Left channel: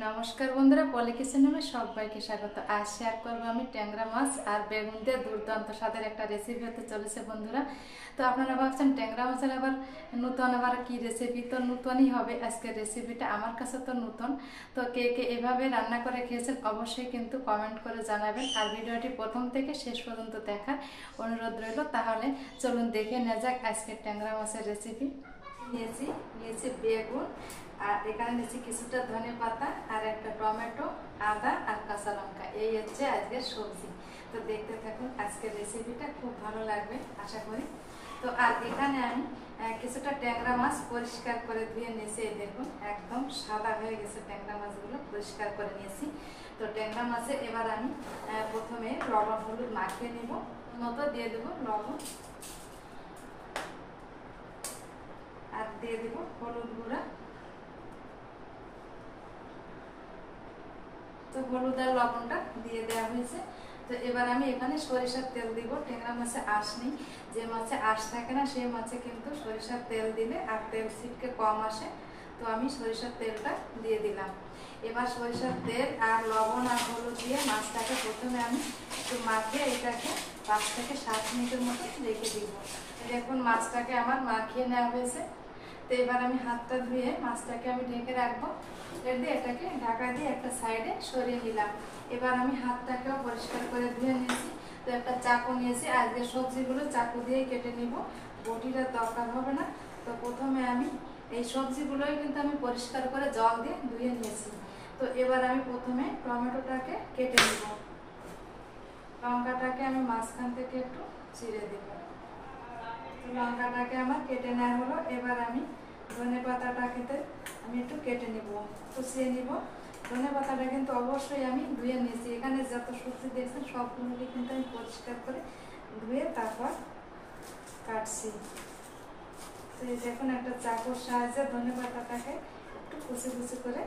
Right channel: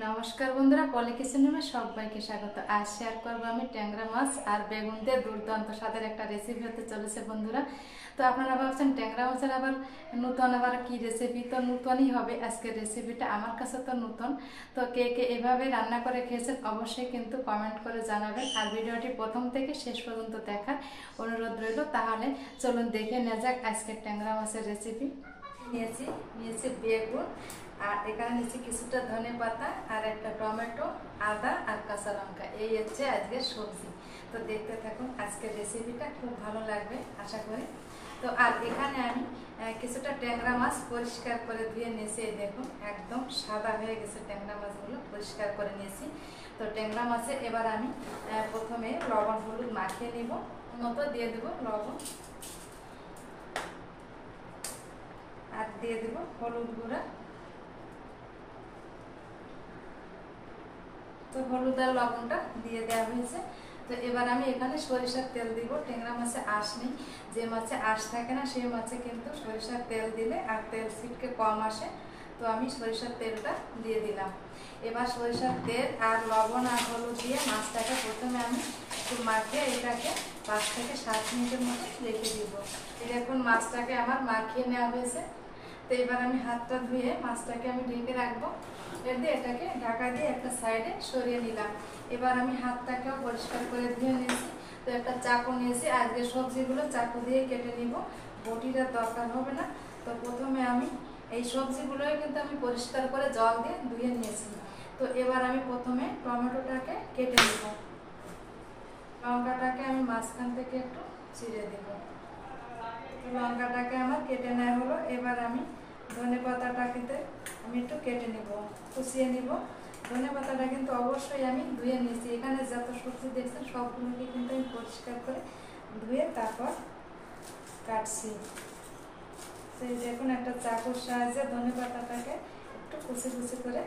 নমস্কার বন্ধুরা, পলি কিচেনে সবাইকে স্বাগত। আজ শেয়ার করবো আমি ট্যাংরা মাছ আর বেগুন দিয়ে দুর্দান্ত স্বাদের একটা রেসিপি হতে চলেছে বন্ধুরা। তো আপনারা ভাবছেন ট্যাংরা মাছের আবার নতুন আবার কি রেসিপি? তো নতুনই হবে আজকের রেসিপিটা, আমার কাছে তো নতুন। তো কে কে এভাবে রান্না করে খেয়েছেন অবশ্যই কিন্তু কমেন্ট করে জানাবেন, আর ভিডিওটি প্রথম থেকে শেষ পর্যন্ত দেখার অনুরোধ রইল। তাহলে চলুন দেখে নেওয়া যাক আজকের ট্যাংরা মাছের রেসিপি। নিয়েছি বেগুন, আর এখানে নিয়েছি কিছুটা ধনে পাতা, আর একটা টমেটো, আদা আর কাঁচা লঙ্কা। এই হচ্ছে আজকের সবজি। তো দেখতে থাকুন, আজকের রেসিপিটা খুব ভালো লাগবে আশা করি। তো আর এখানে আমি কিছুটা ট্যাংরা মাছ পরিষ্কার করে ধুয়ে নিয়েছি। এই দেখুন একদম সাদা হয়ে গেছে ট্যাংরা মাছগুলো, পরিষ্কার করে নিয়েছি। তো ট্যাংরা মাছে এবার আমি প্রথমে লবণ হলুদ মাখিয়ে নিব, মতো দিয়ে দেবো লবণ, আর দিয়ে দেবো হলুদ গুঁড়া। তো হলুদ আর লবণটা দিয়ে দেওয়া হয়েছে। তো এবার আমি এখানে সরিষার তেল দিব। ট্যাংরা মাছে আঁশ নেই, যে মাছে আঁশ থাকে না সেই মাছে কিন্তু সরিষার তেল দিলে আর তেল ছিটকে কম আসে। তো আমি সরিষার তেলটা দিয়ে দিলাম। এবার সরিষার তেল আর লবণ আর হলুদ দিয়ে মাছটাকে প্রথমে আমি একটু মাখিয়ে এটাকে 5 থেকে 7 মিনিটের মতো রেখে দিব। দেখুন মাছটাকে আমার মাখিয়ে নেওয়া হয়েছে। তো এবার আমি হাতটা ধুয়ে মাছটাকে আমি ঢেকে রাখবো। এটাকে ঢাকা দিয়ে একটা সাইডে সরিয়ে নিলাম। এবার আমি হাতটাকেও পরিষ্কার করে ধুয়ে নিয়েছি। তো একটা চাকু নিয়েছি, আজকে সবজিগুলো চাকু দিয়ে কেটে নিব, বটিটার দরকার হবে না। তো প্রথমে আমি এই সবজিগুলোই কিন্তু আমি পরিষ্কার করে জল দিয়ে ধুয়ে নিয়েছি। তো এবার আমি প্রথমে টমেটোটাকে কেটে নিব। লঙ্কাটাকে আমি মাঝখান থেকে একটু চিড়ে দেব। লঙ্কাটাকে আমার কেটে নেওয়া হলো। এবার আমি ধনে পাতাটাকে আমি একটু কেটে নেব, কুচিয়ে নিব। ধনে পাতাটা কিন্তু অবশ্যই আমি ধুয়ে নিয়েছি। এখানে যত সবজি দেখছেন সবগুলোকে কিন্তু আমি পরিষ্কার করে ধুয়ে তারপর কাটছি। তো দেখুন একটা চাকুর সাহায্যে ধনে পাতাটাকে একটু কুচি কুচি করে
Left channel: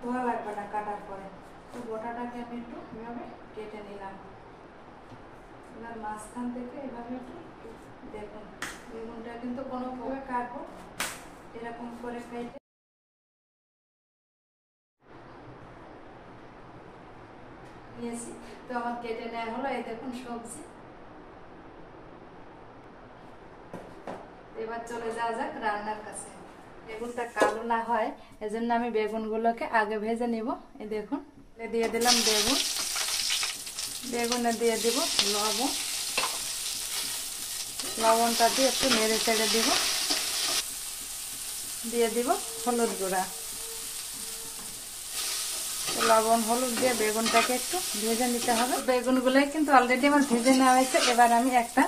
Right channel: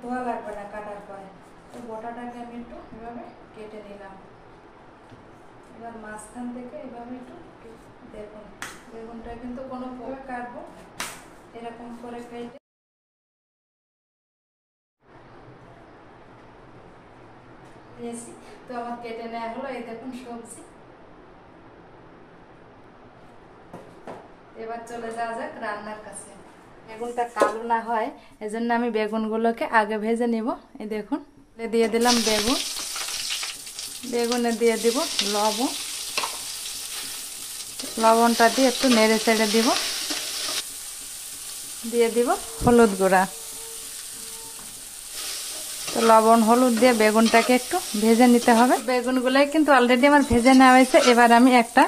ধোয়া লাগবে না কাটার পরে। তো গোটাটাকে আমি একটু এভাবে কেটে নিলাম। এবার মাঝখান থেকে এভাবে একটু দেখুন, বেগুনটা কিন্তু কোনোভাবে কাটবো এরকম করে কেটে নিয়েছি। তো আমার কেটে নেওয়া হলো। এই দেখুন সবজি। এবার চলে যাওয়া যাক রান্নার কাছে। বেগুনটা কালো না হয় এজন্য আমি বেগুনগুলোকে আগে ভেজে নিব। এই দেখুন দিয়ে দিলাম বেগুন, বেগুনে দিয়ে দিব লবণ, লবণটা দিয়ে একটু নেড়ে চেড়ে দিব, দিয়ে দিব হলুদ গুঁড়া। তো লবণ হলুদ দিয়ে বেগুনটাকে একটু ভেজে নিতে হবে। বেগুনগুলোই কিন্তু অলরেডি আমার ভেজে নেওয়া হয়েছে। এবার আমি একটা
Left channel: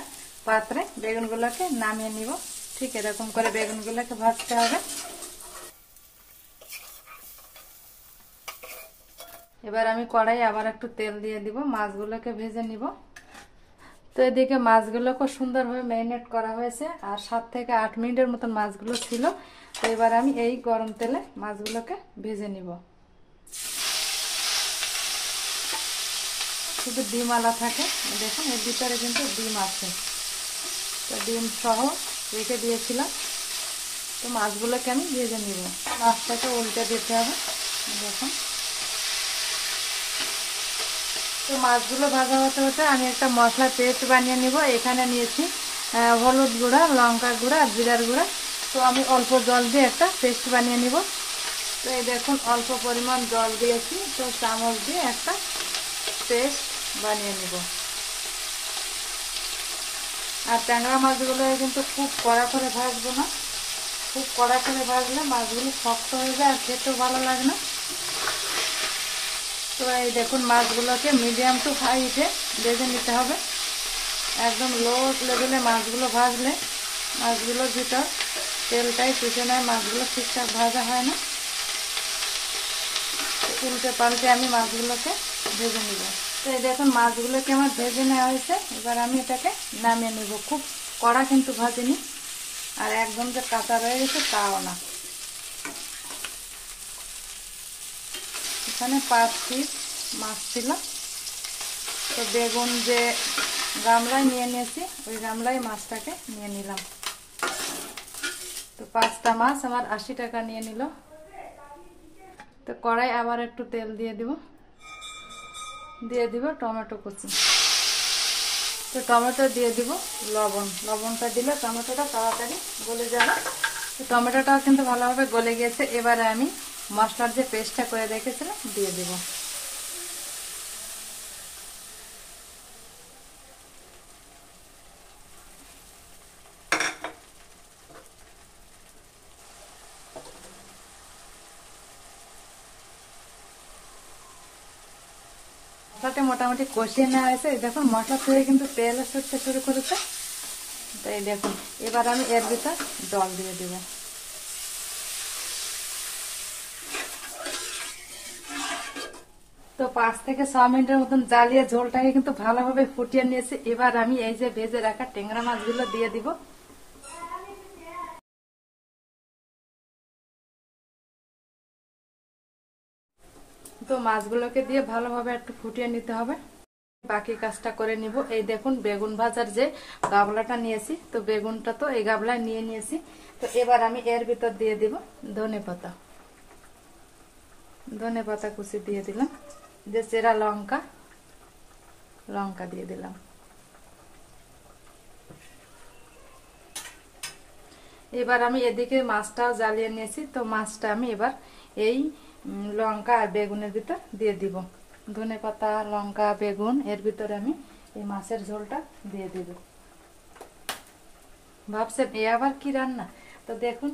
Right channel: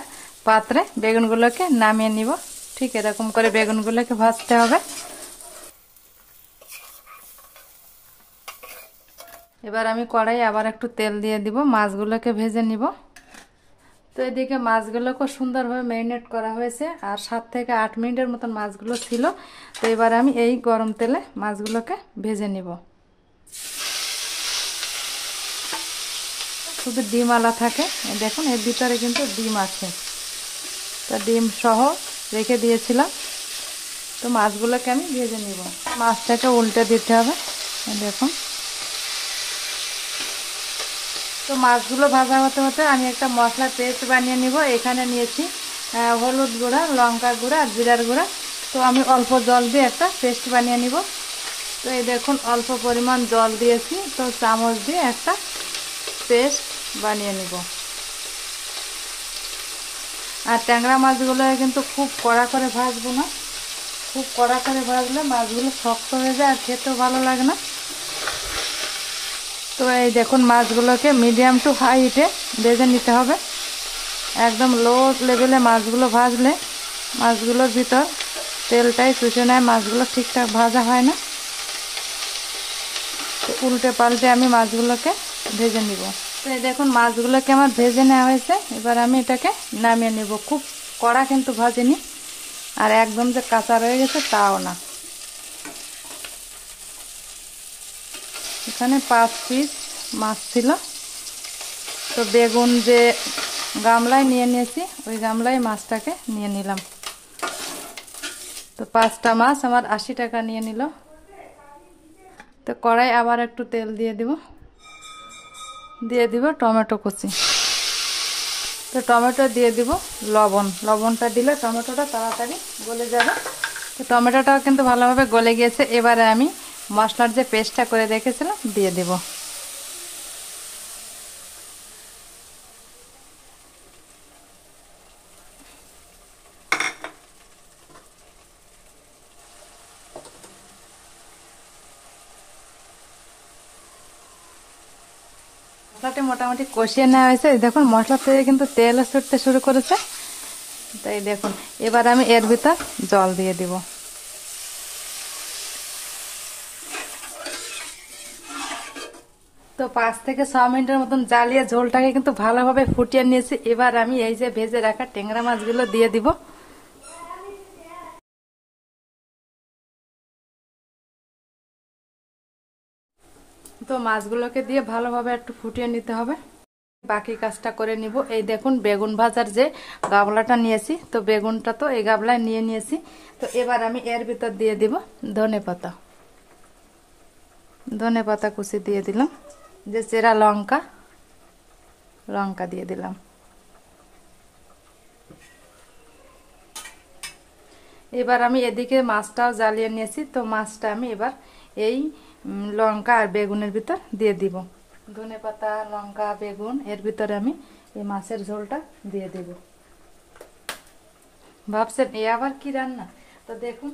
পাত্রে বেগুনগুলোকে নামিয়ে নিব। ঠিক এরকম করে বেগুনগুলোকে ভাজতে হবে। এবার আমি কড়াই আবার একটু তেল দিয়ে দিব, মাছগুলোকে ভেজে নিব। তো এদিকে মাছগুলোকে সুন্দরভাবে ম্যারিনেট করা হয়েছে, আর 7 থেকে 8 মিনিটের মতন মাছগুলো ছিল। তো এবার আমি এই গরম তেলে মাছগুলোকে ভেজে নিব। শুধু ডিম আলা থাকে, দেখুন এর ভিতরে কিন্তু ডিম আছে। তা ডিম সহ রেখে দিয়েছিলাম। তো মাছগুলোকে আমি ভেজে নিব। মাছটাকে উল্টে দিতে হবে, দেখুন। তো মাছগুলো ভাজা হতে হতে আমি একটা মশলা পেস্ট বানিয়ে নিব। এখানে নিয়েছি হলুদ গুঁড়া, লঙ্কা গুঁড়া আর জিরার গুঁড়া। তো আমি অল্প জল দিয়ে একটা পেস্ট বানিয়ে নিব। তো এই দেখুন অল্প পরিমাণ জল দিয়েছি। তো চামচ দিয়ে একটা পেস্ট বানিয়ে নিব। আর ট্যাংরা মাছগুলো কিন্তু খুব কড়া করে ভাজবো না, খুব কড়া করে ভাজলে মাছগুলো শক্ত হয়ে যায় আর খেতেও ভালো লাগে না। তো এই দেখুন মাছগুলোকে মিডিয়াম টু হাই হিটে ভেজে নিতে হবে। একদম লো লেভেলে মাছগুলো ভাজলে মাছগুলোর ভিতর তেলটাই চুষে নেয়, মাছগুলো ঠিকঠাক ভাজা হয় না। উল্টে পাল্টে আমি মাছগুলোকে ভেজে নিব। তো এই দেখুন মাছগুলোকে আমার ভেজে নেওয়া হয়েছে। এবার আমি এটাকে নামিয়ে নেব। খুব কড়া কিন্তু ভাজিনি, আর একদম যে কাঁচা রয়ে গেছে তাও না। এখানে 5 পিস মাছ ছিল। তো বেগুন যে গামলায় নিয়ে নিয়েছি ওই গামলায় মাছটাকে নিয়ে নিলাম। তো 5টা মাছ আমার 80 টাকা নিয়ে নিল। তো কড়াই আবার একটু তেল দিয়ে দিব টমেটো কুচি। তো টমেটো দিয়ে দিব লবণটা দিলে টমেটোটা তাড়াতাড়ি গলে যাবে। তো টমেটোটাও কিন্তু ভালোভাবে গলে গিয়েছে। এবারে আমি মশলার যে পেস্টটা করে রেখেছিলাম দিয়ে দিব। মশলাটা মোটামুটি কষিয়ে নেওয়া হয়েছে। দেখুন মশলা থেকে কিন্তু তেলও ছুটতে শুরু করেছে। তাই দেখুন এবার আমি এর ভিতর জল দিয়ে দিব। তো 5 থেকে 6 মিনিটের মতন জ্বালিয়ে ঝোলটাকে কিন্তু ভালোভাবে ফুটিয়ে নিয়েছি। এবার আমি এই যে ভেজে রাখা ট্যাংরা মাছগুলো দিয়ে দিব। তো মাছগুলোকে দিয়ে ভালোভাবে একটু ফুটিয়ে নিতে হবে। বাকি কাজটা করে নিব। এই দেখুন বেগুন ভাজার যে গাবলাটা নিয়েছি, তো বেগুনটা তো এই গাবলায় নিয়েছি। তো এবার আমি এর ভিতর দিয়ে দিব ধনে পাতা কুচি দিয়ে দিলাম, যে চেরা লঙ্কা দিয়ে দিলাম। এবার আমি এদিকে মাছটাও জ্বালিয়ে নিয়েছি। তো মাছটা আমি এবার এই লঙ্কা আর বেগুনের ভিতর দিয়ে দিব। ধনে পাতা, লঙ্কা, বেগুন এর ভিতরে আমি এই মাছের ঝোলটা দিয়ে দিব। ভাবছেন এ আবার কি রান্না? তো দেখুন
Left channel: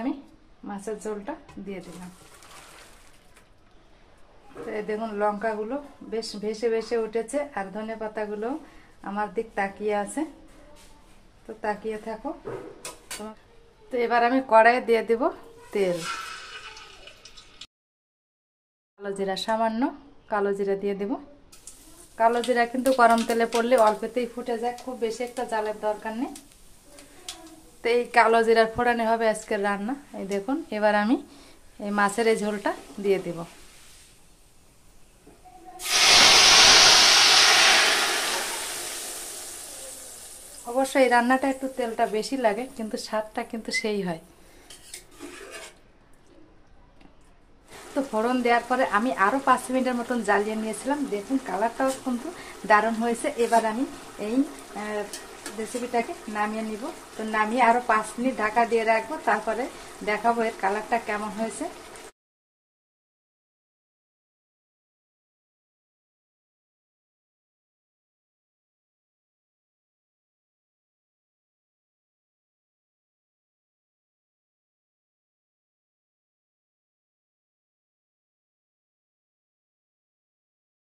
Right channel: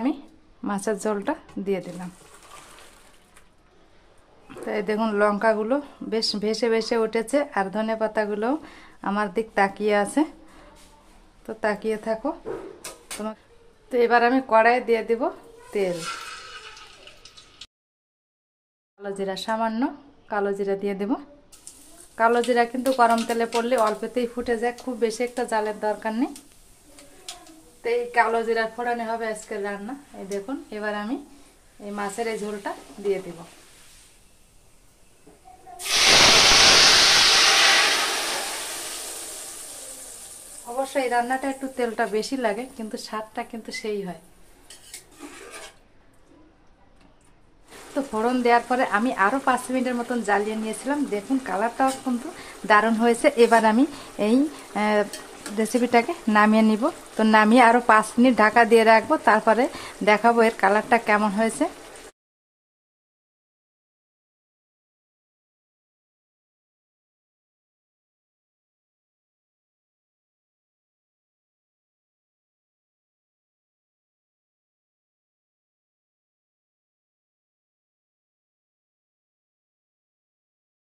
আমি মাছের ঝোলটা দিয়ে দিলাম। তো এই দেখুন লঙ্কাগুলো বেশ ভেসে উঠেছে, আর ধনে পাতাগুলো আমার দিক তাকিয়ে আছে। তো তাকিয়ে থাকো। তো এবার আমি কড়াইয়ে দিয়ে দিব তেল। কালো জিরা, সামান্য কালো জিরা দিয়ে দেব। কালো জিরা কিন্তু গরম তেলে পড়লে অল্পতেই ফুটে যায়, খুব বেশি একটা জালের দরকার নেই। তো এই কালো জিরার ফোড়নে হবে আজকের রান্না। এই দেখুন এবার আমি এই মাছের এই ঝোলটা দিয়ে দেব। অবশ্যই এই রান্নাটা একটু তেলটা বেশি লাগে, কিন্তু স্বাদটা কিন্তু সেই হয়। তো ফোড়ন দেওয়ার পরে আমি আরো 5 মিনিটের মতন জ্বালিয়ে নিয়েছিলাম। দেখুন কালারটাও কিন্তু দারুণ হয়েছে। এবার আমি এই রেসিপিটাকে নামিয়ে নিব। তো নামিয়ে আরো 5 মিনিট ঢাকা দিয়ে রাখবো, তারপরে দেখাবো এর কালারটা কেমন হয়েছে।